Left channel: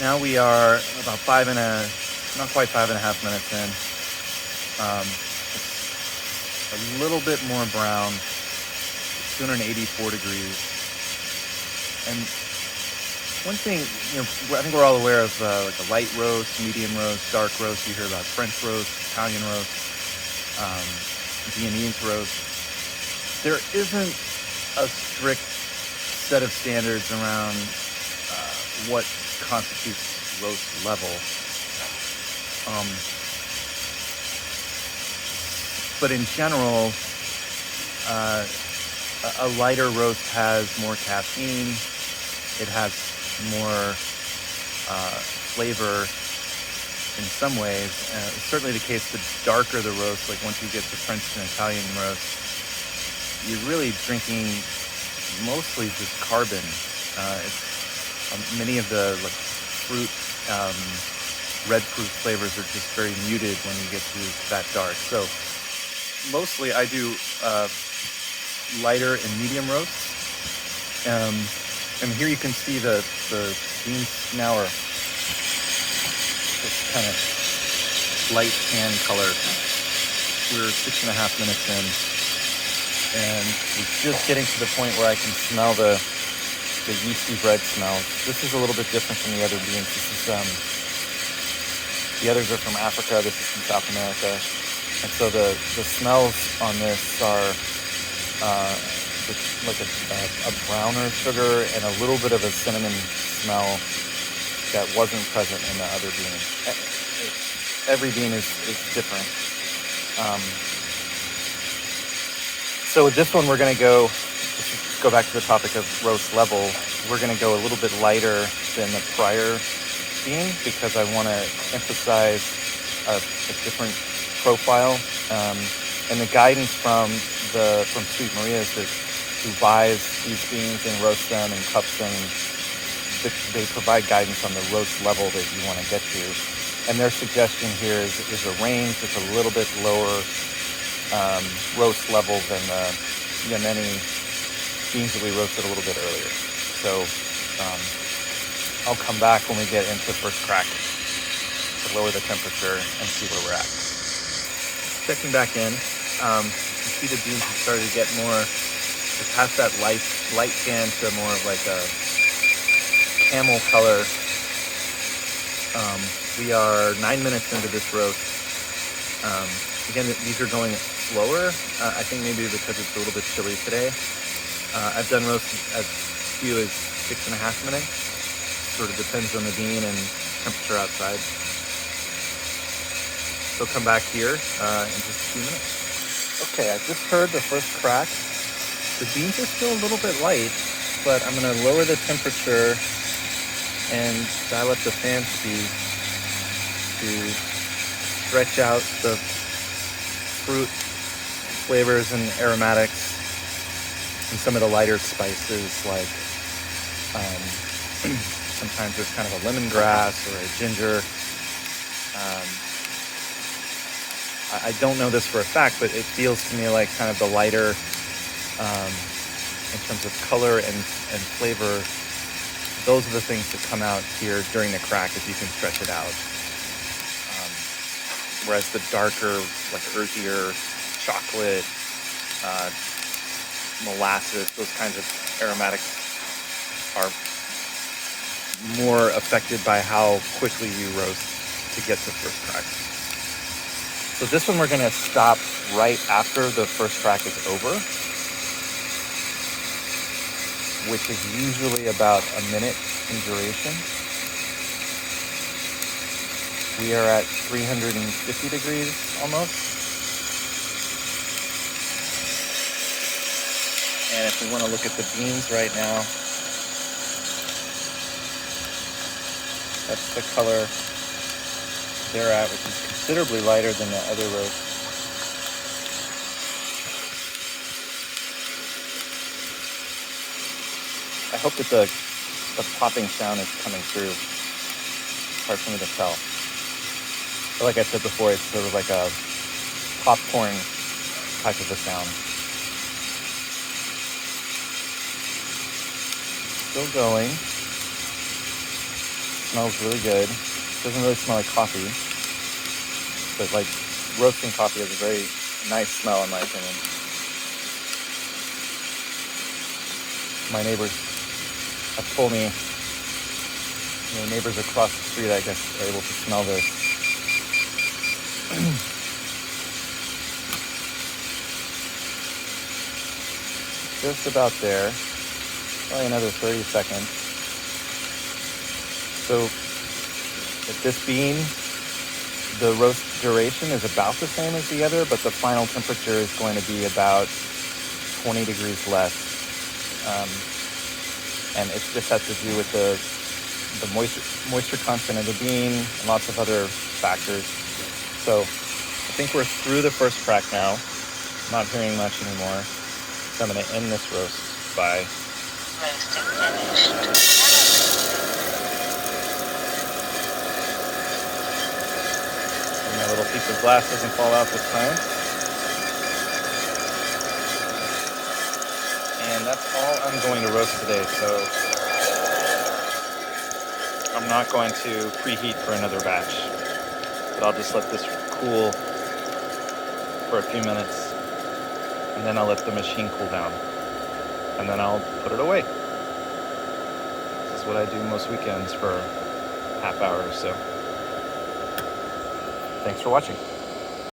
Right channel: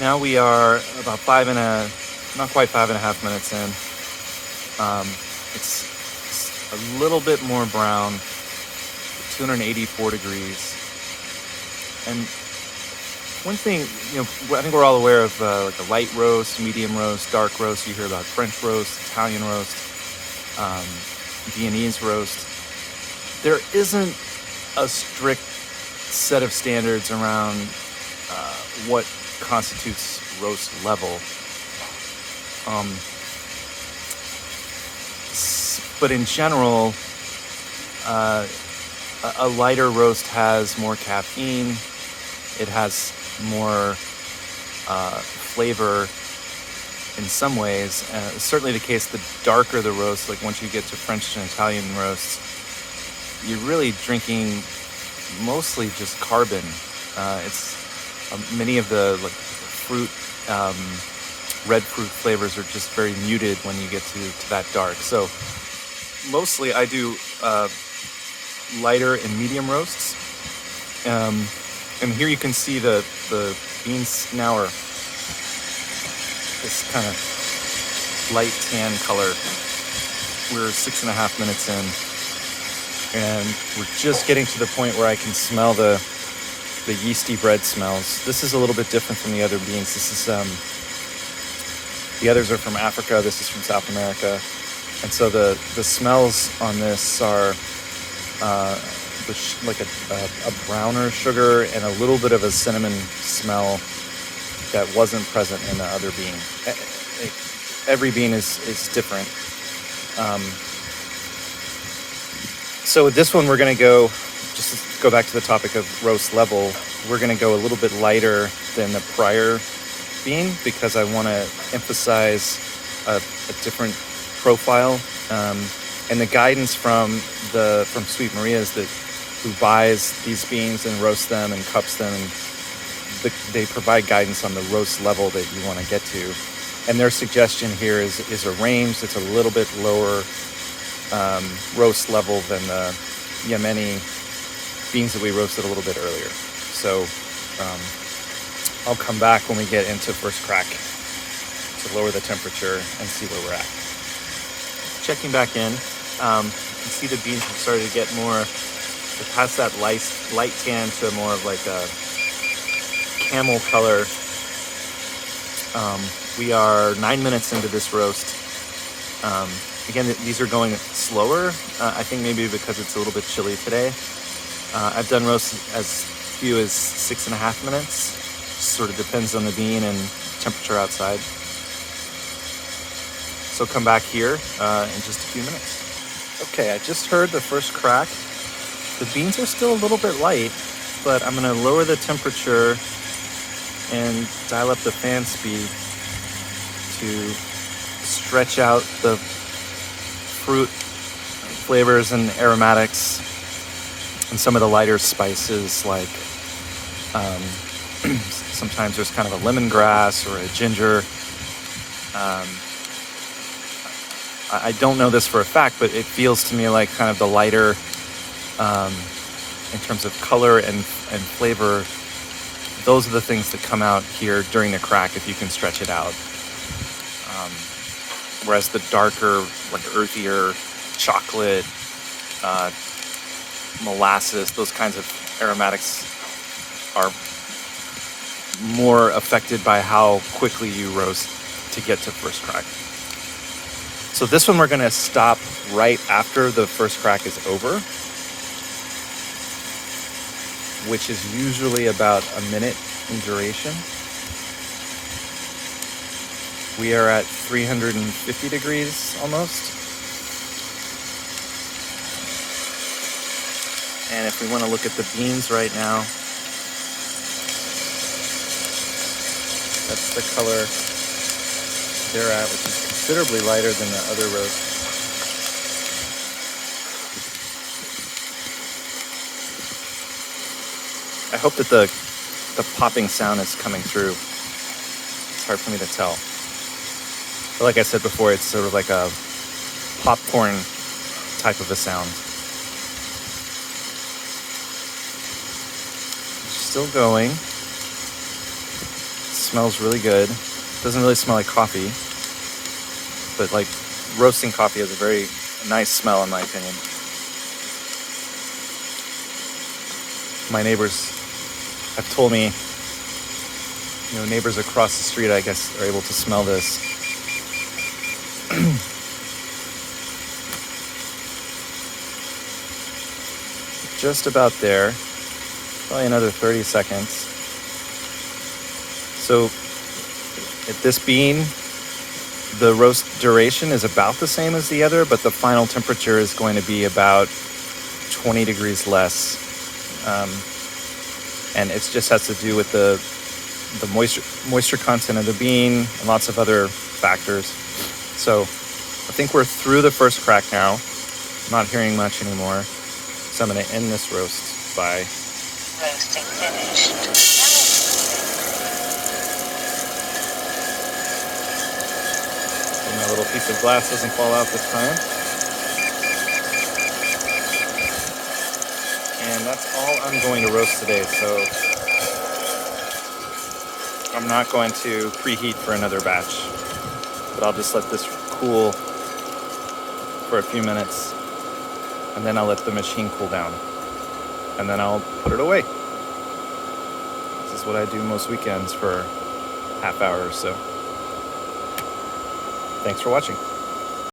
Now we are about not quite 5.5 minutes in. It's a little bit more brown, 284 degrees. And one thing, I think we're all aware of like a light roast, medium roast, dark roast. You hear about French roast, Italian roast, Viennese roast. There isn't a strict set of standards around what constitutes roast level. But in general, a lighter roast has more caffeine. It has more flavor in some ways. It's certainly the case the darker the roast, like once you get to French and Italian roasts, you're really drinking mostly just carbon. It's many of the fruit, red fruit flavors are just very muted when you get to that dark. So mostly I do lighter and medium roasts. And here you can see the beans now are this kind of light tan color. We're 6.5 minutes in, and we're just getting to the point where I can smell the yeasty bread smells. This is a little bit different from the other beans. This is the others are from Africa. This is from South America, and so the smells on this are like a browner sugar and a little bit of a cinnamon smell that wasn't present in the other bean. Every bean is different. So with this one, we're going to go, just to go back to the topic of roast level, we're going to go a little bit lighter than the prior bean because I want to emphasize a different profile. And the guidance from Sweet Maria is that who buys these beans and roasts them and cups them, and they provide guidance on the roast level that you want to get to. And their suggestion here is a range that's a little bit lower roast level than the Yemeni beans that we roasted a little bit earlier. So I'll come back when we get into first crack to lower the temperature and see where we're at. Checking back in, you can see the beans have started to get more past that light tan to more of like a camel color. We are 9 minutes into this roast. Again, these are going slower. I think maybe because it's a little bit chilly today. I've done roasts as few as 6.5 minutes. Sort of depends on the bean and temperature outside. So come back here in just a few minutes. Okay, I just heard the first crack. The beans are still a little bit light, but I'm going to lower the temperature and dial up the fan speed to stretch out the fruit flavors and aromatics and some of the lighter spices, like sometimes there's kind of a lemongrass or a ginger. I don't know this for a fact, but it feels to me like kind of the lighter in terms of color and flavor. Those are the things that come out here during the crack if you can stretch it out. Whereas the darker, like earthier chocolate, molasses, those kinds of aromatics are more affected by how quickly you roast to get to first crack. So this one we're going to stop right after the first crack is over, which is usually about a minute in duration. We are at 350 degrees almost. And if we want to look at the beans right now, that's the color they're at, which is considerably lighter than the other roast. I hope that the popping sound is coming through. It's hard for me to tell. But like I said before, it's sort of like a popcorn type of a sound. Still going. smells really good. Doesn't really smell like coffee, but like roasting coffee has a very nice smell in my opinion. My neighbors have told me, neighbors across the street, I guess, are able to smell this. Just about there. Probably another 30 seconds. So at this bean, the roast duration is about the same as the other, but the final temperature is going to be about 20 degrees less. And it just has to do with the moisture content of the bean and lots of other factors. So I think we're through the first crack now. I'm not hearing much anymore. So I'm going to end this roast by Roasting finished. my little piece of glass doesn't fall out this time. And that's all I'm going to roast today, so I'm not going to preheat for another batch, but I'll just let this cool for a few minutes, and then I'll let the machine cool down, and then I'll put it away. This is what I do most weekends for half hour or so. Thanks for watching.